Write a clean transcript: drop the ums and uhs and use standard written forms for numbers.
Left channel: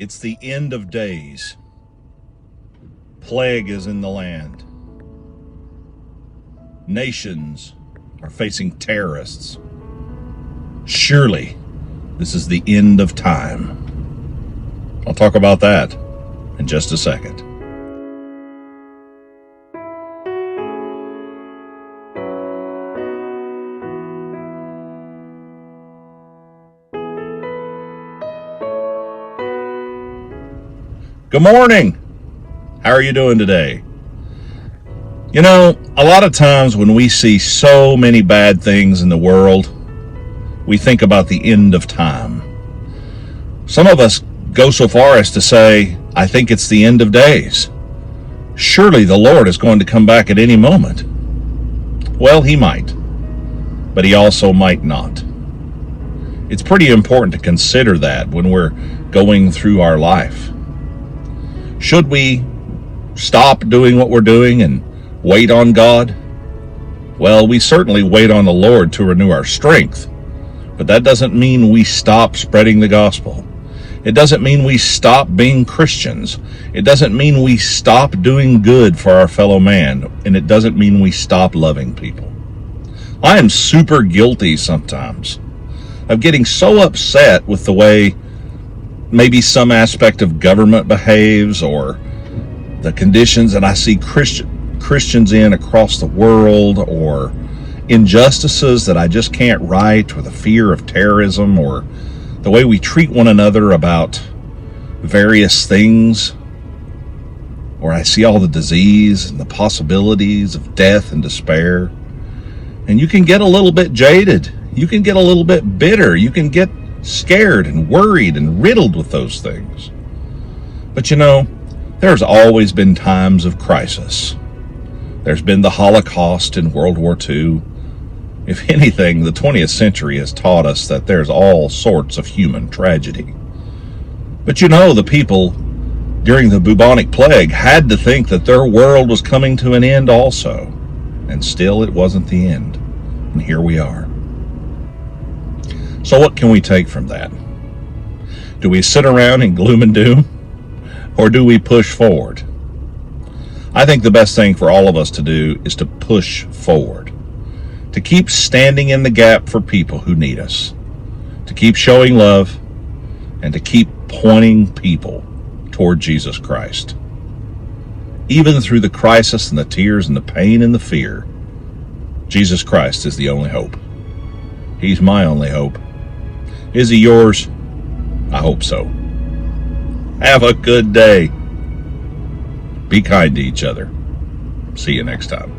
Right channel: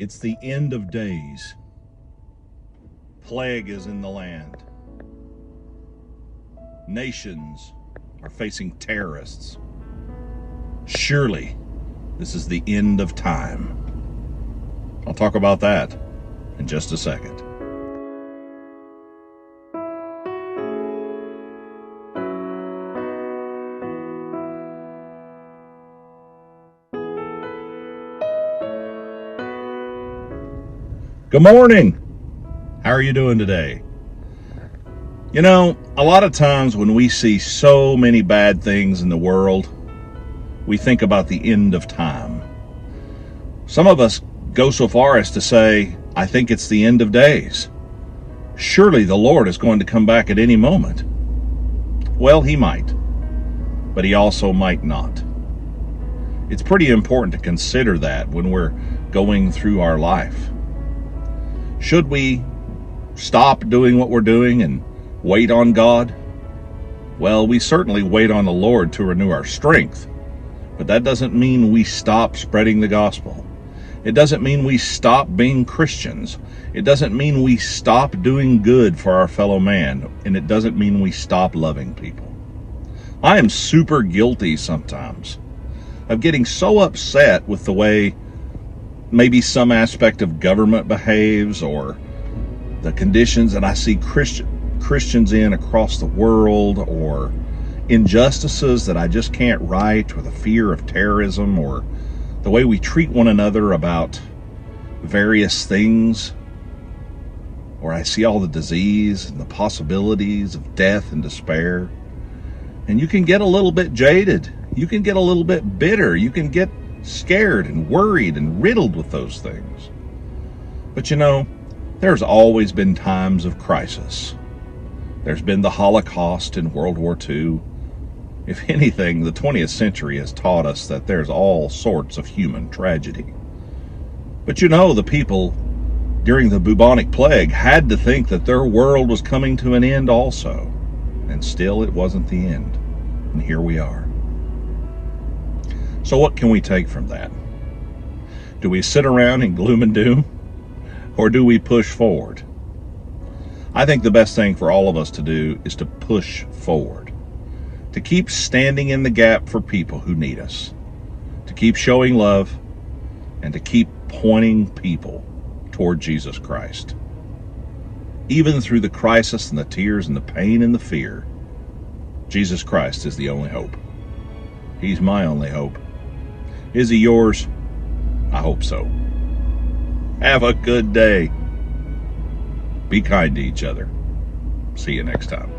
It's the end of days. Plague is in the land. Nations are facing terrorists. Surely, this is the end of time. I'll talk about that in just a second. Good morning. How are you doing today? You know, a lot of times when we see so many bad things in the world, we think about the end of time. Some of us go so far as to say, I think it's the end of days. Surely the Lord is going to come back at any moment. Well, he might, but he also might not. It's pretty important to consider that when we're going through our life. Should we stop doing what we're doing and wait on God? Well, we certainly wait on the Lord to renew our strength, but that doesn't mean we stop spreading the gospel. It doesn't mean we stop being Christians. It doesn't mean we stop doing good for our fellow man, and it doesn't mean we stop loving people. I am super guilty sometimes of getting so upset with the way maybe some aspect of government behaves, or the conditions that I see Christians in across the world, or injustices that I just can't right, or the fear of terrorism, or the way we treat one another about various things, or I see all the disease and the possibilities of death and despair. And you can get a little bit jaded. You can get a little bit bitter. You can get scared and worried and riddled with those things. But you know, there's always been times of crisis. There's been the Holocaust in World War II. If anything, the 20th century has taught us that there's all sorts of human tragedy. But you know, the people during the bubonic plague had to think that their world was coming to an end also. And still it wasn't the end. And here we are. So what can we take from that? Do we sit around in gloom and doom? Or do we push forward? I think the best thing for all of us to do is to push forward. To keep standing in the gap for people who need us. To keep showing love. And to keep pointing people toward Jesus Christ. Even through the crisis and the tears and the pain and the fear, Jesus Christ is the only hope. He's my only hope. Is he yours? I hope so. Have a good day. Be kind to each other. See you next time.